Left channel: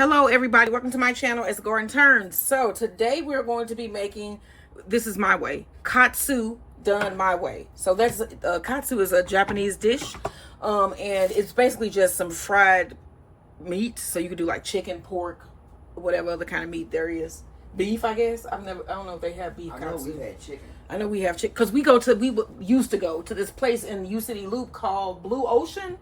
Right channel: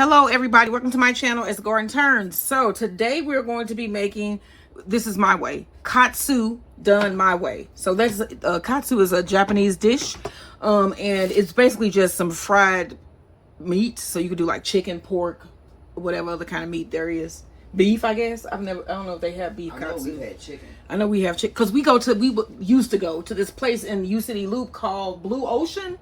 Hello everybody, welcome to my channel. It's Garden Turns. So today we're going to be making, this is my way, Katsu done my way. So that's Katsu is a Japanese dish, and it's basically just some fried meat. So you could do like chicken, pork, whatever other kind of meat there is. Beef, I guess. I don't know if they have beef. I know we had chicken. I know we have chicken because we used to go to this place in U City Loop called Blue Ocean,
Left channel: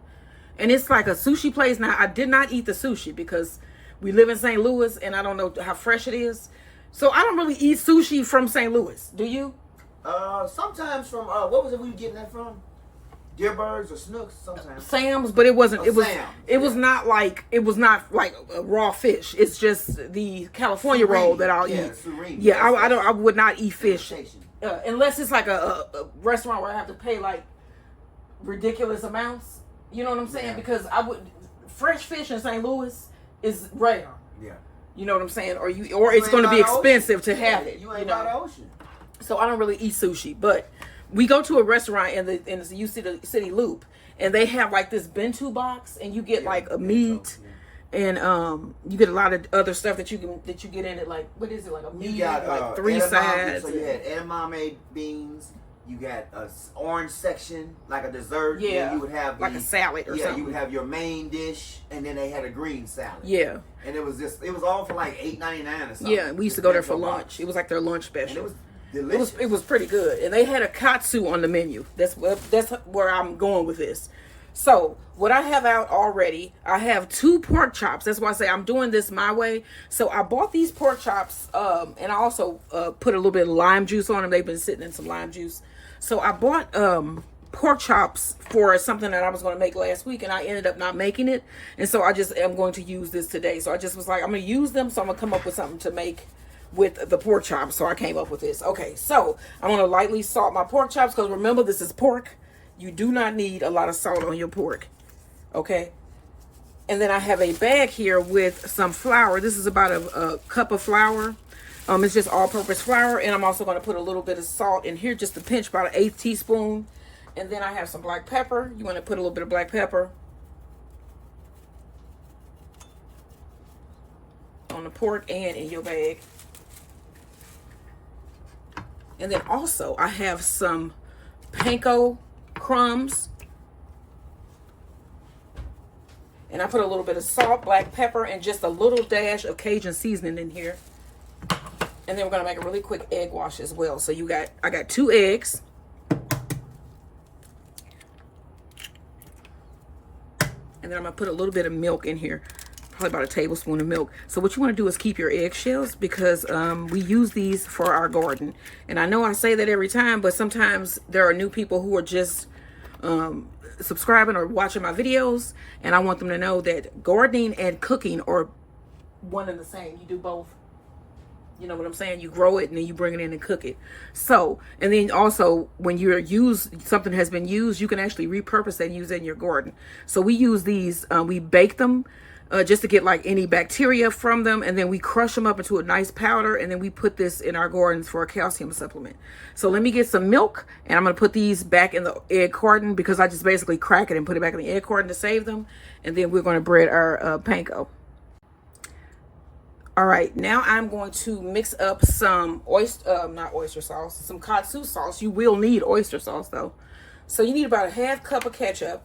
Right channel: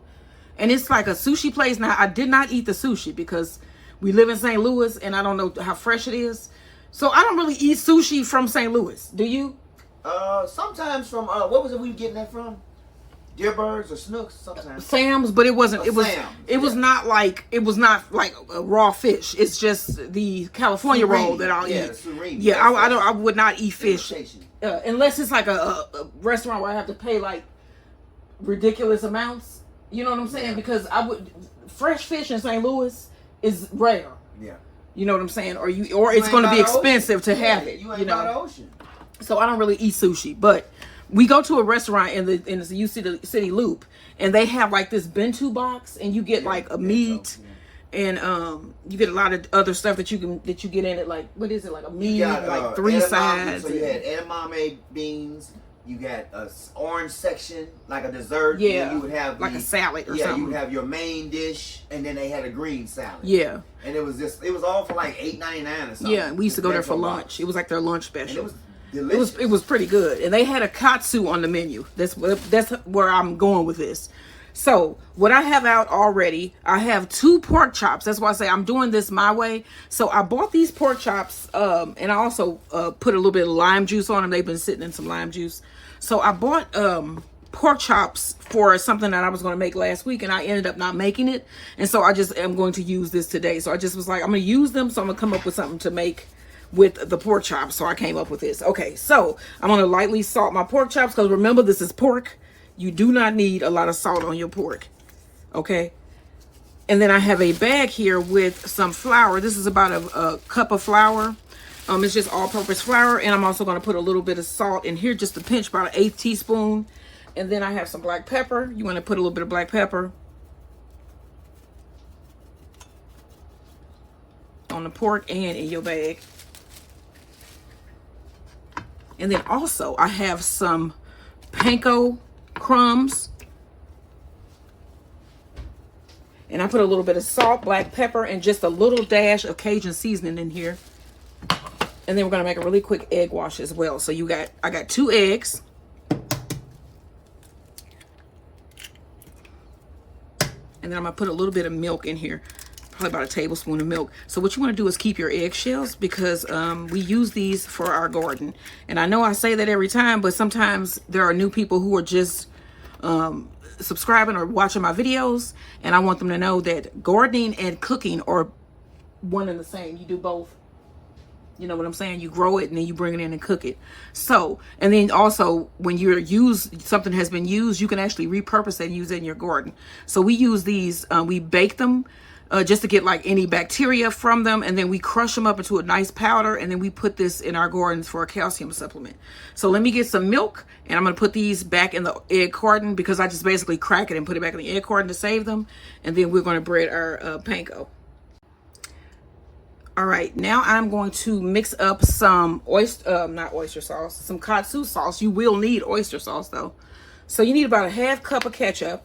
and it's like a sushi place. Now I did not eat the sushi because we live in St. Louis and I don't know how fresh it is. So I don't really eat sushi from St. Louis. Do you? Sometimes from what was it we were getting that from? Deerbirds or Snooks sometimes. Sam's, but it wasn't. It was. Sam's, it was not like. It was not like a raw fish. It's just the California roll that I'll eat. Yeah, I don't. I would not eat fish unless it's like a restaurant where I have to pay like ridiculous amounts. You know what I'm saying? Yeah. Because fresh fish in St. Louis is rare. Yeah. You know what I'm saying? Or it's going to be expensive to have it. You ain't by the ocean. So I don't really eat sushi, but we go to a restaurant in the U City Loop, and they have like this bento box, and you get like a meat, and you get a lot of other stuff that you get in it. Like what is it? Like a meat, like 3 sides. So you had edamame beans. You got a orange section, like a dessert. Yeah, you would have like a salad or something. You would have your main dish, and then they had a green salad. Yeah, and it was all for like $8.99 or something. Yeah, we used to go there for lunch. It was like their lunch special. And it was delicious. It was pretty good, and they had a katsu on the menu. That's where I'm going with this. So what I have out already, I have 2 pork chops. That's why I say I'm doing this my way. So I bought these pork chops, and I also put a little bit of lime juice on them. They've been sitting in some lime juice. So I bought pork chops for something that I was going to make last week, and I ended up not making it. And so I just am going to use this today. So I just was like, I'm going to use them, so I'm going to come up with something to make with the pork chops. So I came up with this. Okay, so I'm going to lightly salt my pork chops because remember, this is pork. You do not need a lot of salt on your pork. Okay. And then I have a bag here with some flour. This is about a cup of flour. It's just all-purpose flour, and I'm also going to put a little bit of salt in here, just a pinch, about an 1/8 teaspoon. And then I have some black pepper. You want to put a little bit of black pepper on the pork and in your bag. And then also I have some Panko crumbs, and I put a little bit of salt, black pepper, and just a little dash of Cajun seasoning in here. And then we're going to make a really quick egg wash as well. So I got 2 eggs. And then I'm going to put a little bit of milk in here. Probably about a tablespoon of milk. So what you want to do is keep your eggshells because we use these for our garden. And I know I say that every time, but sometimes there are new people who are just subscribing or watching my videos. And I want them to know that gardening and cooking are one and the same. You do both. You know what I'm saying? You grow it and then you bring it in and cook it. So, and then also when something has been used, you can actually repurpose it and use it in your garden. So we use these, we bake them just to get like any bacteria from them. And then we crush them up into a nice powder. And then we put this in our gardens for a calcium supplement. So let me get some milk, and I'm going to put these back in the egg carton because I just basically crack it and put it back in the egg carton to save them. And then we're going to bread our panko. All right, now I'm going to mix up some not oyster sauce, some katsu sauce. You will need oyster sauce though. So you need about a 1/2 cup of ketchup.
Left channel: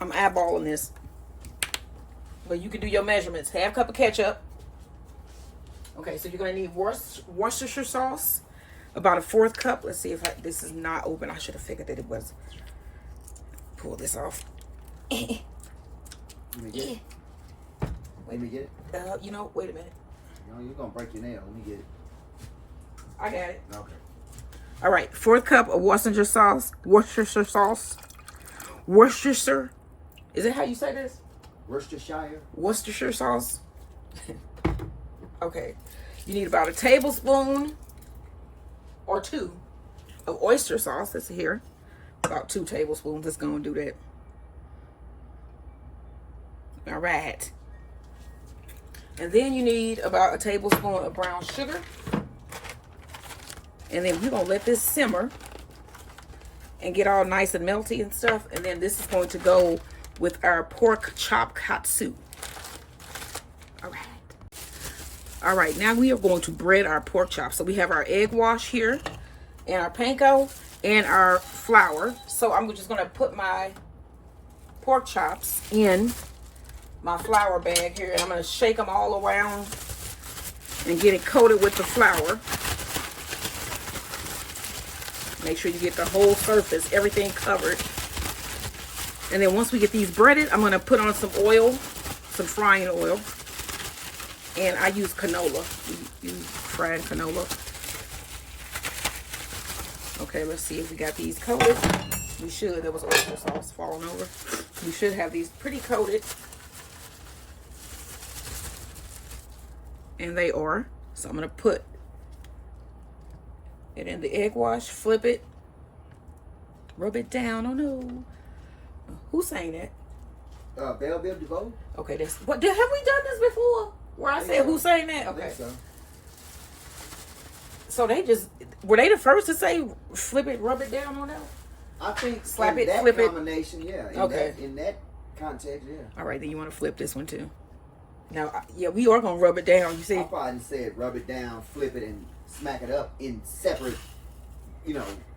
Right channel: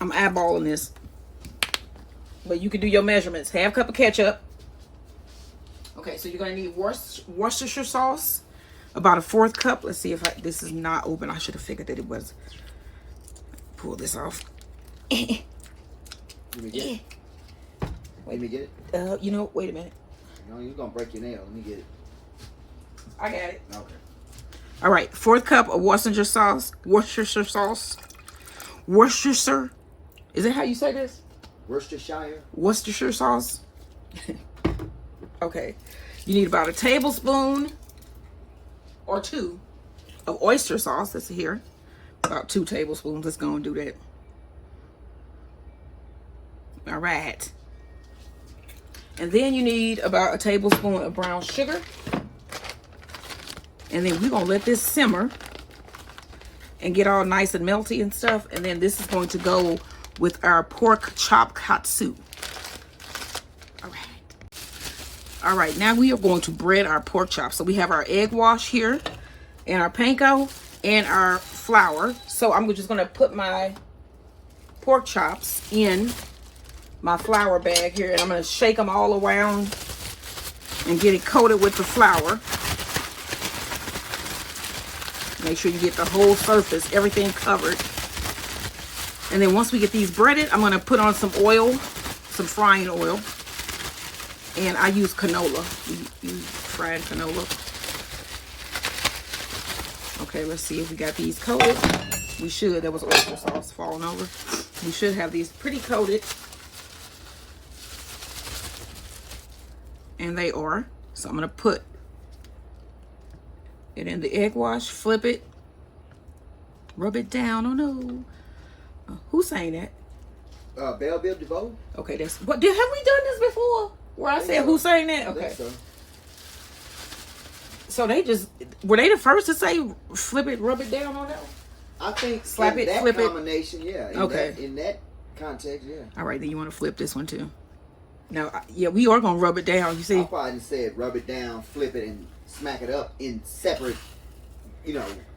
I'm eyeballing this, but you can do your measurements. 1/2 cup of ketchup. Okay, so you're gonna need Worcestershire sauce, about a 1/4 cup. Let's see if this is not open. I should have figured that it was. Pull this off. Let me get it. Let me get it. You know, wait a minute. You're gonna break your nail. Let me get it. I got it. Okay. All right, 1/4 cup of Worcestershire sauce. Worcestershire sauce. Worcestershire. Is it how you say this? Worcestershire. Worcestershire sauce. Okay. You need about a tablespoon or 2 of oyster sauce. That's here. About 2 tablespoons. Let's go and do that. All right. And then you need about a tablespoon of brown sugar. And then we're going to let this simmer and get all nice and melty and stuff. And then this is going to go with our pork chop katsu. All right, now we are going to bread our pork chops. So we have our egg wash here and our panko and our flour. So I'm just gonna put my pork chops in my flour bag here, and I'm gonna shake them all around and get it coated with the flour. Make sure you get the whole surface, everything covered. And then once we get these breaded, I'm gonna put on some oil, some frying oil. And I use canola. You fried canola. Okay, let's see if we got these coated. We should. There was oyster sauce falling over. We should have these pretty coated. And they are. So I'm going to put it in the egg wash, flip it, rub it down. Oh no. Who sang that? Belle Biv DeVoe. Okay, that's what have we done this before? Where I said who sang that? Okay. So they just were they the first to say flip it, rub it down on them? I think slap it, that flip combination, it. Yeah. Okay. In that context, yeah. All right, then you want to flip this one too. Now, yeah, we are gonna rub it down. You see? I probably said rub it down, flip it, and smack it up in separate,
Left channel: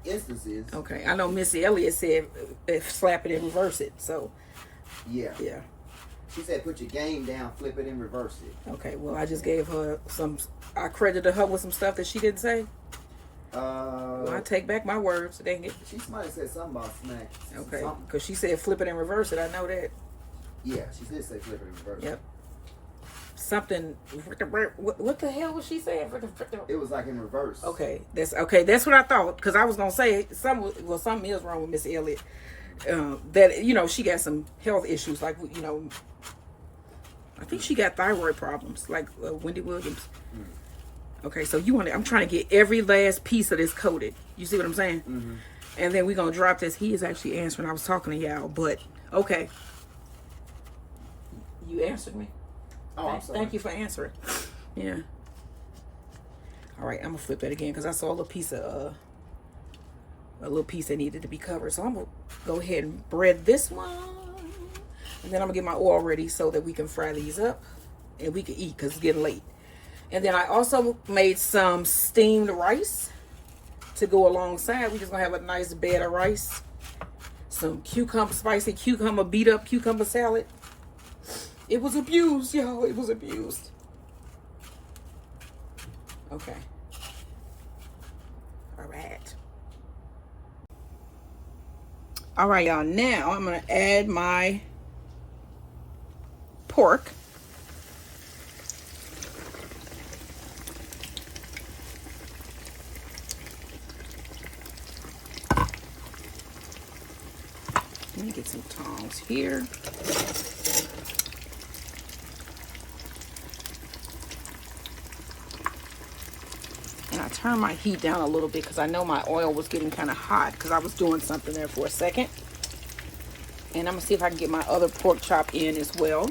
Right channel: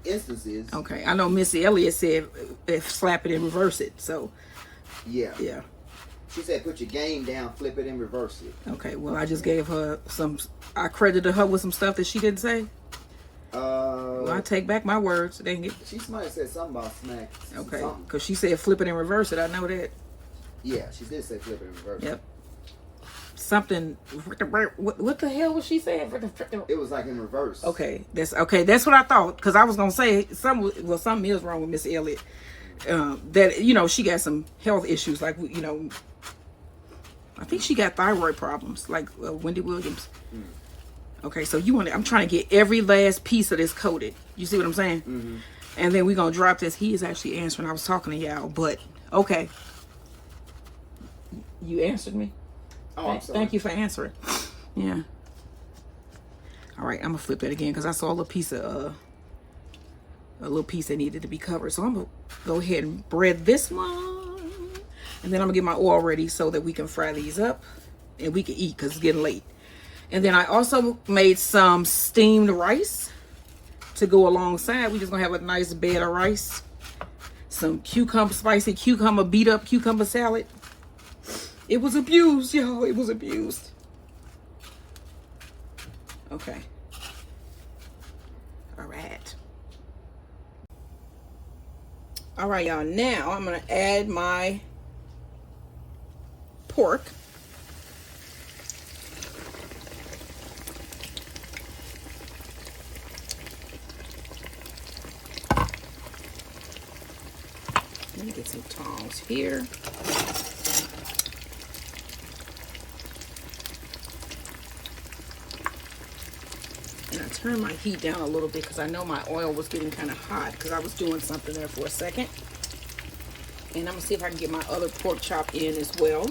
instances. Okay, I know Missy Elliott said if slap it and reverse it. So. Yeah. Yeah. She said put your game down, flip it, and reverse it. Okay, well, I just gave her I credited her with some stuff that she didn't say. Well, I take back my words, dang it. She might have said something about smack. Okay, because she said flip it and reverse it. I know that. Yeah, she did say flip it and reverse it. Yep. Something, what the hell was she saying? It was like in reverse. Okay, that's what I thought, because I was going to say, something is wrong with Miss Elliott. That, she got some health issues, like, I think she got thyroid problems, like Wendy Williams. Okay, so I'm trying to get every last piece of this coated. You see what I'm saying? Mm-hmm. And then we're going to drop this. He is actually answering. I was talking to y'all, but okay. You answered me? Oh, I'm sorry. Thank you for answering. Yeah. All right, I'm going to flip that again because I saw a little piece that needed to be covered. So I'm going to go ahead and bread this one. And then I'm going to get my oil ready so that we can fry these up and we can eat because it's getting late. And then I also made some steamed rice to go alongside. We're just going to have a nice bed of rice. Some spicy cucumber, beat up cucumber salad. It was abused, y'all. It was abused. Okay. All right. All right, y'all. Now I'm going to add my pork. Let me get some tongs here. And I turned my heat down a little bit because I know my oil was getting kind of hot because I was doing something there for a second. And I'm going to see if I can get my other pork chop in as well.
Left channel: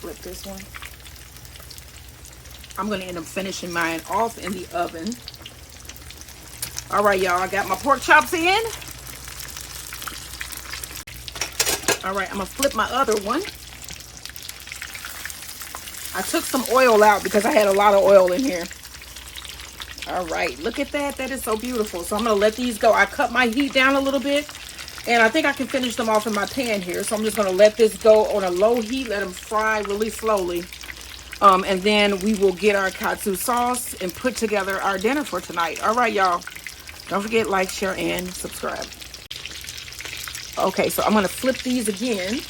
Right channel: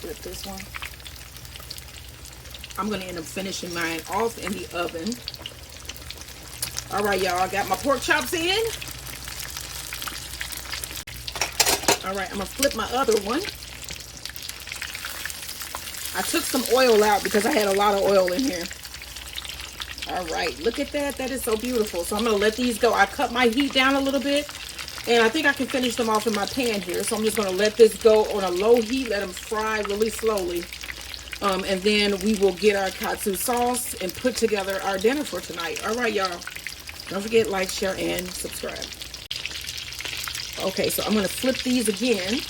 Flip this one. I'm going to end up finishing mine off in the oven. All right, y'all, I got my pork chops in. All right, I'm going to flip my other one. I took some oil out because I had a lot of oil in here. All right, look at that. That is so beautiful. So I'm going to let these go. I cut my heat down a little bit. And I think I can finish them off in my pan here. So I'm just going to let this go on a low heat. Let them fry really slowly. And then we will get our katsu sauce and put together our dinner for tonight. All right, y'all. Don't forget, like, share, and subscribe. Okay, so I'm going to flip these again.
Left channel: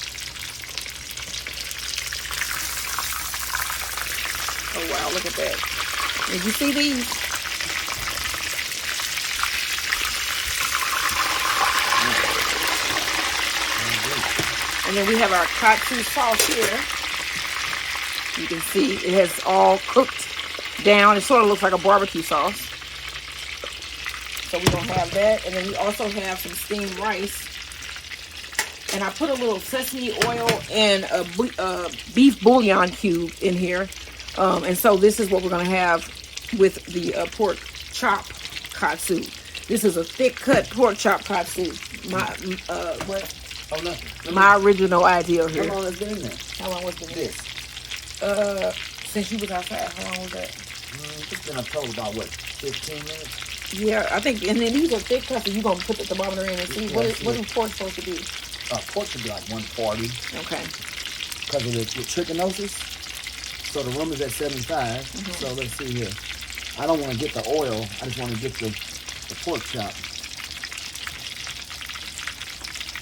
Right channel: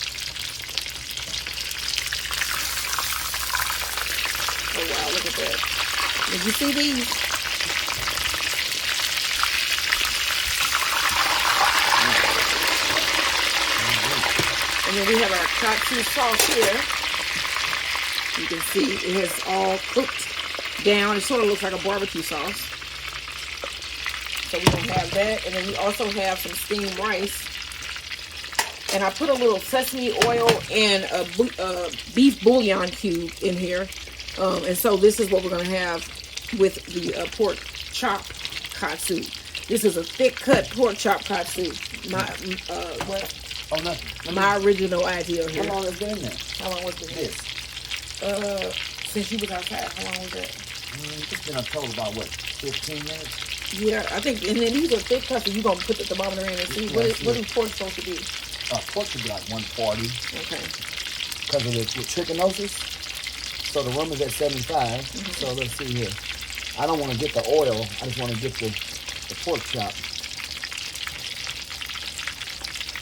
Oh, wow, look at that. Did you see these? And then we have our katsu sauce here. You can see it has all cooked down. It sort of looks like a barbecue sauce. So we're going to have that. And then we also have some steamed rice. And I put a little sesame oil and a beef bouillon cube in here. And so this is what we're going to have with the pork chop katsu. This is a thick cut pork chop katsu. My original idea here. How long has it been in there? How long was it? Since you was outside. How long was that? It's been a total about what, 15 minutes? Yeah, I think. And then these are thick cuts. So you're gonna put the thermometer in and see what is pork supposed to be. Pork should be like 140. Okay. Because of the trichinosis. So the room is at 75. Mm-hmm. So let's see here. I don't want to get the oil. I just want to get the pork chop.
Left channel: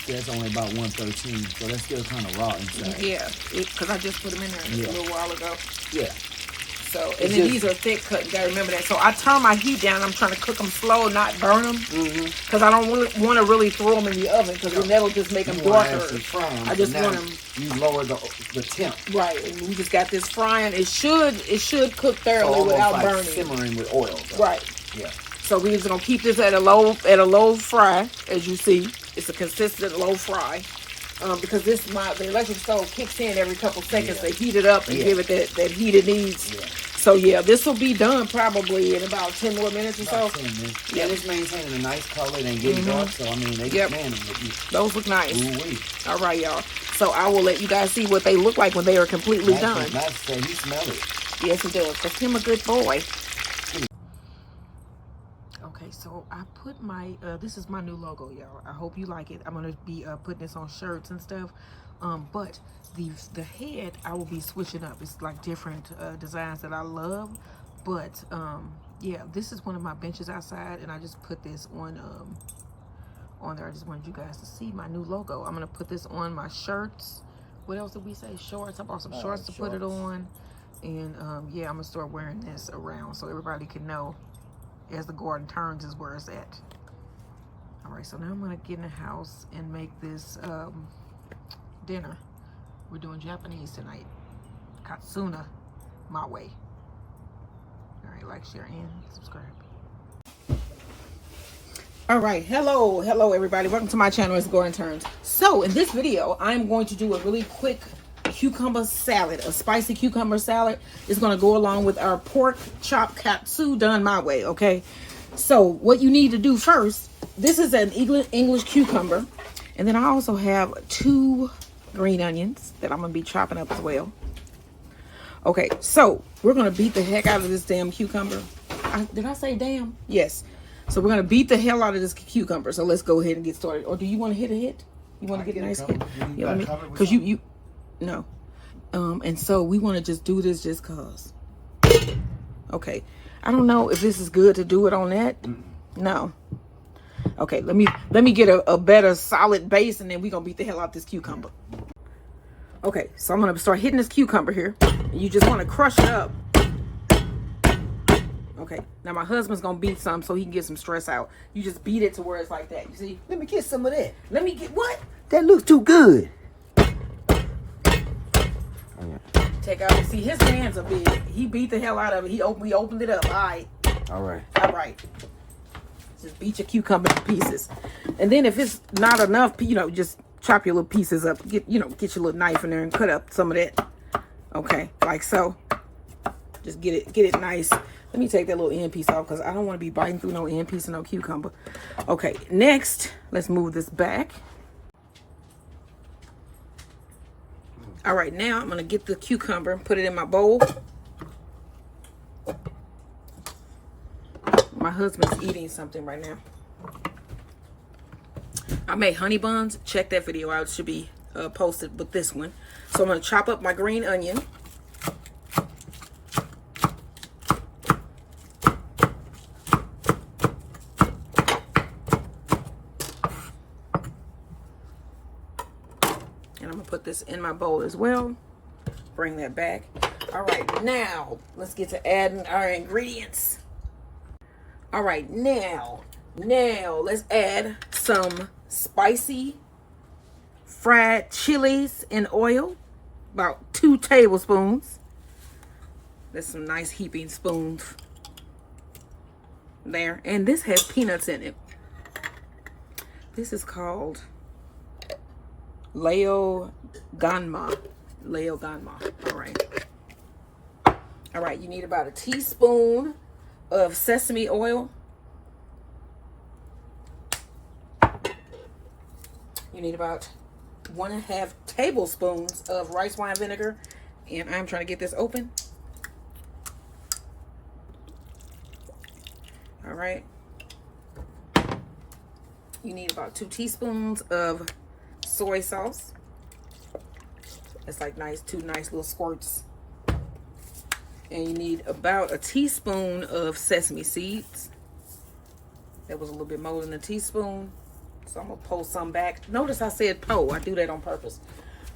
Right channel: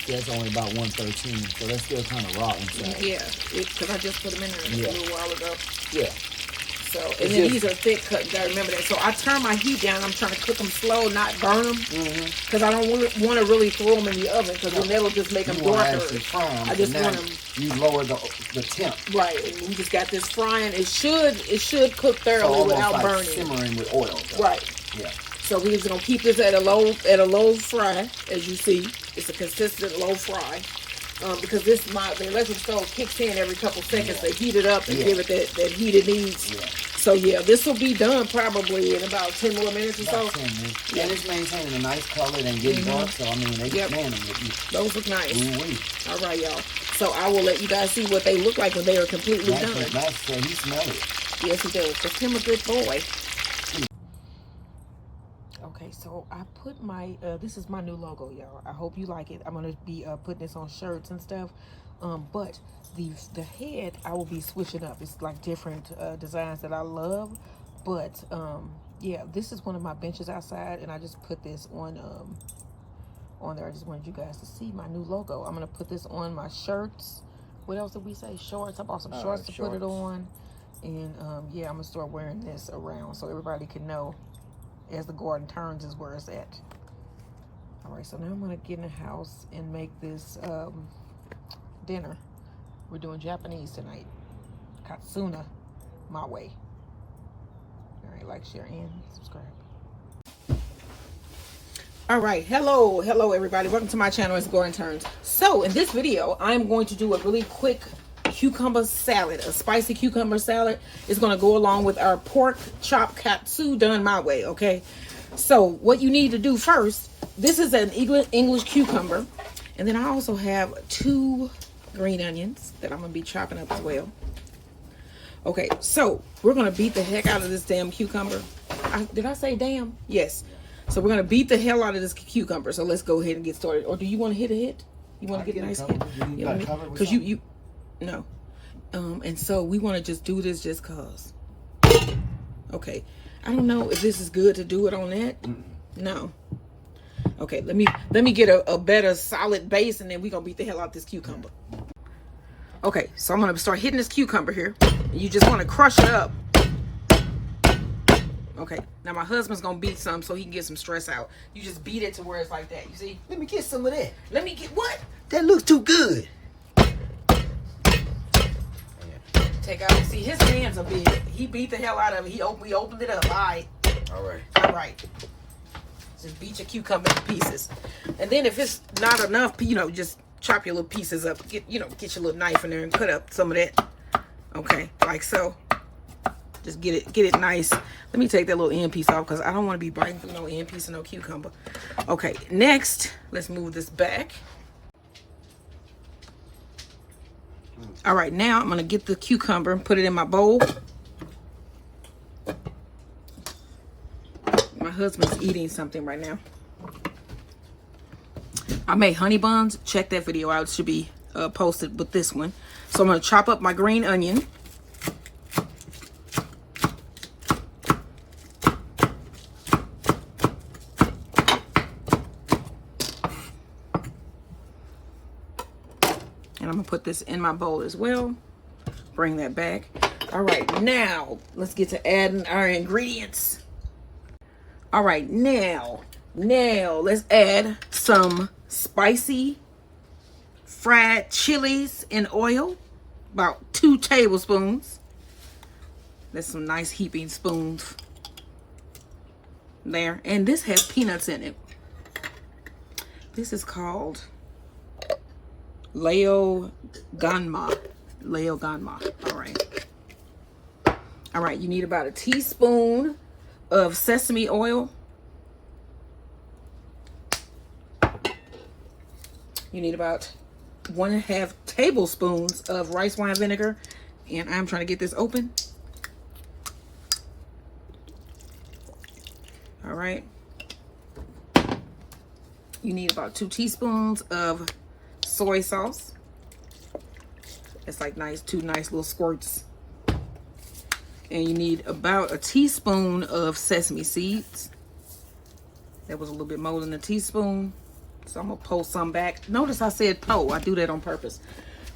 Yeah, it's only about 113, so that's still kind of raw inside. Yeah, because I just put them in there a little while ago. Yeah. So, and then these are thick cut. You gotta remember that. So I turn my heat down. I'm trying to cook them slow, not burn them, because I don't want to really throw them in the oven, because then that'll just make them darker. I just want them. You lower the temp. Right, and we just got this frying. It should cook thoroughly without like burning. Simmering with oil. Though. Right. Yeah. So we're just gonna keep this at a low fry, as you see. It's a consistent low fry, because the electric stove kicks in every couple seconds to heat it up and give it that heat it needs. Yeah. So yeah, this will be done probably in about 10 more minutes or so. 10 minutes. Yeah, and it's maintaining a nice color and getting dark. So I mean, they man them. Those look nice. Ooh-wee. All right, y'all. So I will let you guys see what they look like when they are completely done. Nice. So you smell it. Yes, he does. Cause him a good boy. Okay, so I put my, this is my new logo, y'all. I hope you like it. I'm going to be putting this on shirts and stuff. But the head, I will be switching up. It's like different designs that I love. But, yeah, this is one of my benches outside. And I just put this on there. I just wanted you guys to see my new logo. I'm going to put this on my shirts. What else did we say? Shorts. I bought some shorts to put it on. And, yeah, I'm going to start wearing this around so everybody can know. As the garden turns is where it's at. All right, so now I'm gonna get in the house and make this dinner. We're doing Japanese tonight. Katsuna, my way. All right, like, share, and subscribe. All right, hello everybody. Welcome to my channel. It's Garden Turns. So in this video, I'm going to do a really quick cucumber salad, a spicy cucumber salad. Is going to go along with our pork chop katsu done my way. Okay, so what you need to do first, this is an English cucumber, and then I also have 2 green onions that I'm going to be chopping up as well. Okay, so we're going to beat the heck out of this damn cucumber. Did I say damn? Yes. So we're going to beat the hell out of this cucumber. So let's go ahead and get started. Or do you want to hit a hit? You want to get a nice hit? Because you no. And so we want to just do this just cause. Okay. I don't know if this is good to do it on that. No. Okay, let me get a better solid base, and then we're gonna beat the hell out this cucumber. Okay, so I'm gonna start hitting this cucumber here. And you just want to crush it up. Okay, now my husband's gonna beat some so he can get some stress out. You just beat it to where it's like that. You see? Let me get some of that. Let me get what? That looks too good. Take out. See, his hands are big. He beat the hell out of it. We opened it up. All right. Just beat your cucumber to pieces. And then if it's not enough, just chop your little pieces up. Get your little knife in there and cut up some of that. Okay, like so. Just get it nice. Let me take that little end piece off because I don't want to be biting through no end piece of no cucumber. Okay, next, let's move this back. All right, now I'm going to get the cucumber and put it in my bowl. My husband's eating something right now. I made honey buns. Check that video out. It should be posted with this one. So I'm going to chop up my green onion. And I'm gonna put this in my bowl as well. Bring that back. All right, now let's get to adding our ingredients. All right, now let's add some spicy fried chilies in oil, about 2 tablespoons. That's some nice heaping spoons there. And this has peanuts in it. This is called Leo Ganma. All right, you need about a teaspoon of sesame oil. You need about 1.5 tablespoons of rice wine vinegar. And I'm trying to get this open. All right. You need about 2 teaspoons of soy sauce. It's like two nice little squirts. And you need about a teaspoon of sesame seeds. That was a little bit more than a teaspoon. So I'm gonna pull some back. Notice I said pull. I do that on purpose.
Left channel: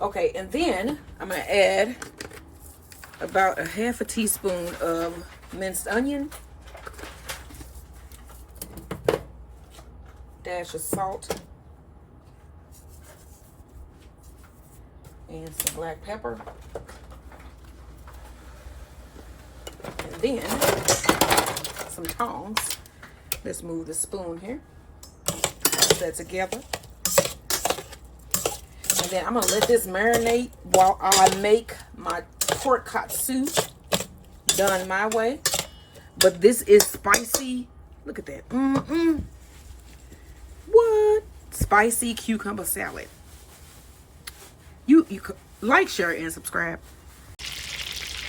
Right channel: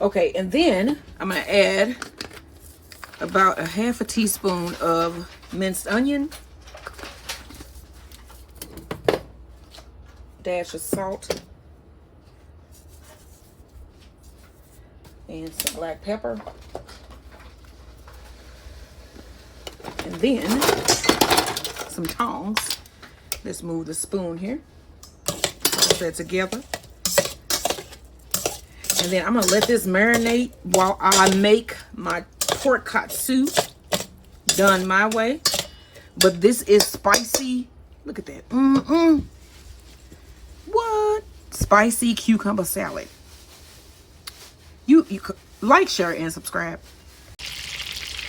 Okay, and then I'm gonna add about 1/2 teaspoon of minced onion. Dash of salt. And some black pepper. And then some tongs. Let's move the spoon here. Put that together. And then I'm going to let this marinate while I make my pork katsu done my way. But this is spicy. Look at that. What? Spicy cucumber salad. You like, share, and subscribe.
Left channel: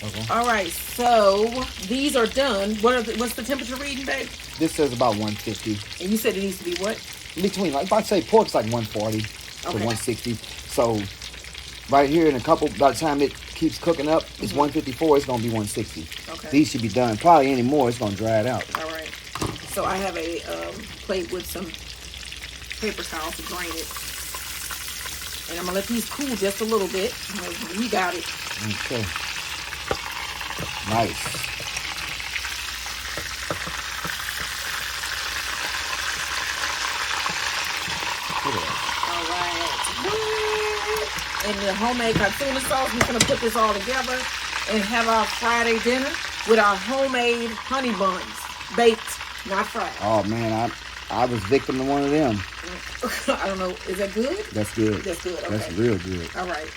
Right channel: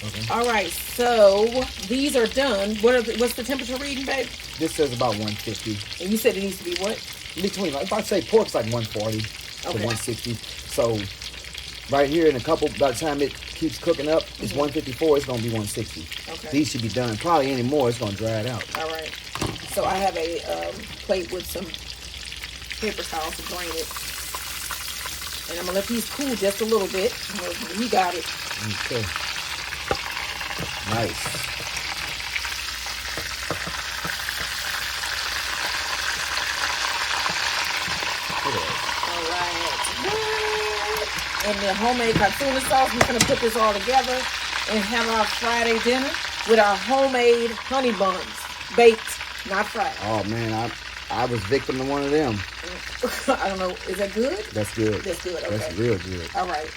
Okay. All right, so these are done. What's the temperature reading, babe? This says about 150. And you said it needs to be what? Between, like, if I say pork's like 140 to 160. So right here in a couple, by the time it keeps cooking up, it's 154. It's gonna be 160. Okay. These should be done. Probably any more, it's gonna dry it out. All right. So I have a plate with some paper towel to drain it. And I'm going to let these cool just a little bit. We got it. Okay. Nice. All right. And the homemade katsu sauce, we're going to put this all together and have our Friday dinner with our homemade honey buns. Baked, not fried. Oh, man, I was victim of one of them. I don't know. Is that good? That's good. That's good. Okay. That's real good. All right.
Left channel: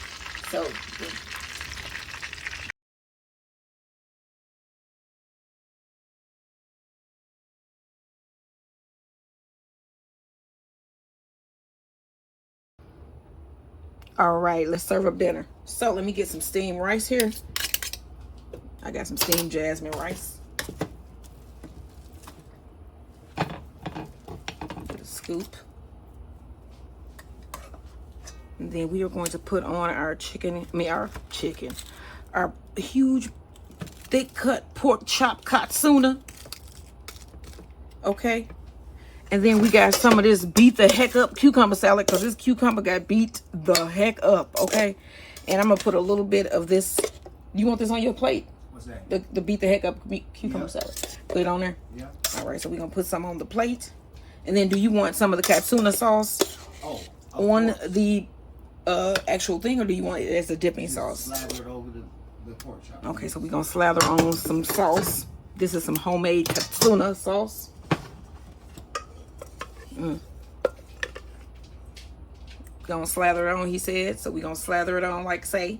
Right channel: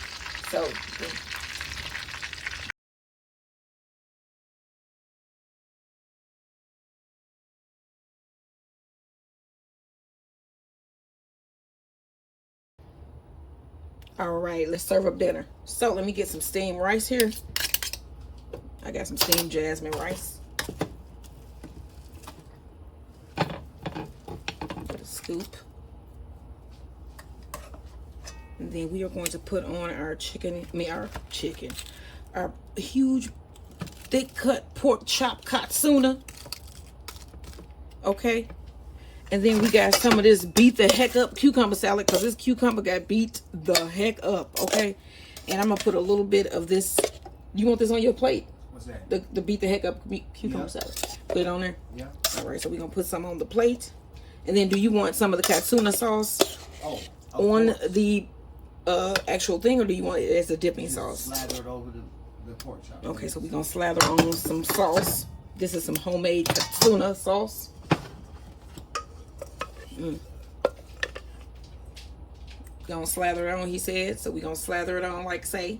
So. All right. Let's serve up dinner. So let me get some steamed rice here. I got some steamed jasmine rice. Scoop. And then we are going to put on our our huge thick cut pork chop katsuna. Okay. And then we got some of this beat the heck up cucumber salad, because this cucumber got beat the heck up. Okay. And I'm gonna put a little bit of this. You want this on your plate? What's that? The beat the heck up cucumber salad. Put it on there? Yeah. All right, so we're gonna put some on the plate. And then do you want some of the katsuna sauce on the actual thing, or do you want it as a dipping sauce? Slather it over the pork chop. Okay, so we're gonna slather on some sauce. This is some homemade katsuna sauce. Gonna slather it on, he said. So we're gonna slather it on like I say.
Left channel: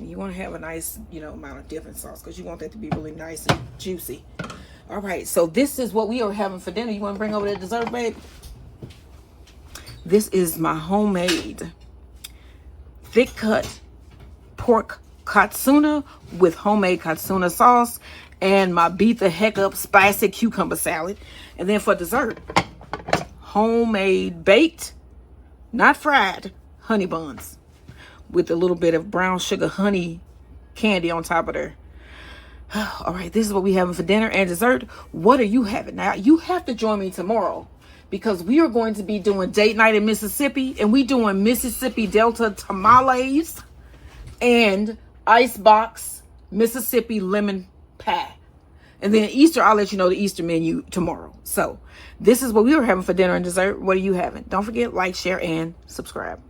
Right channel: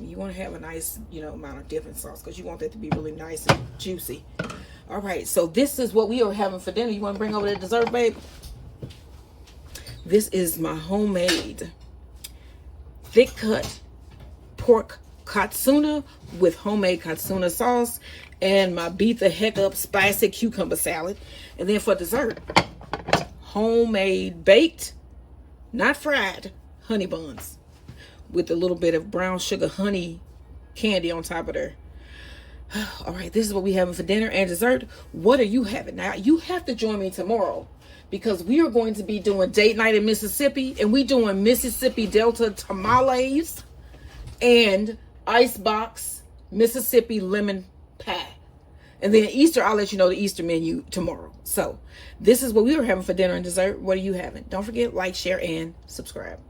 You want to have a nice, amount of dipping sauce, because you want that to be really nice and juicy. All right, so this is what we are having for dinner. You want to bring over the dessert, babe? This is my homemade thick cut pork katsuna with homemade katsuna sauce and my beat the heck up spicy cucumber salad. And then for dessert, homemade baked, not fried, honey buns with a little bit of brown sugar honey candy on top of there. All right, this is what we having for dinner and dessert. What are you having? Now, you have to join me tomorrow, because we are going to be doing date night in Mississippi, and we doing Mississippi Delta tamales and icebox Mississippi lemon pie. And then Easter, I'll let you know the Easter menu tomorrow. So this is what we were having for dinner and dessert. What are you having? Don't forget, like, share, and subscribe.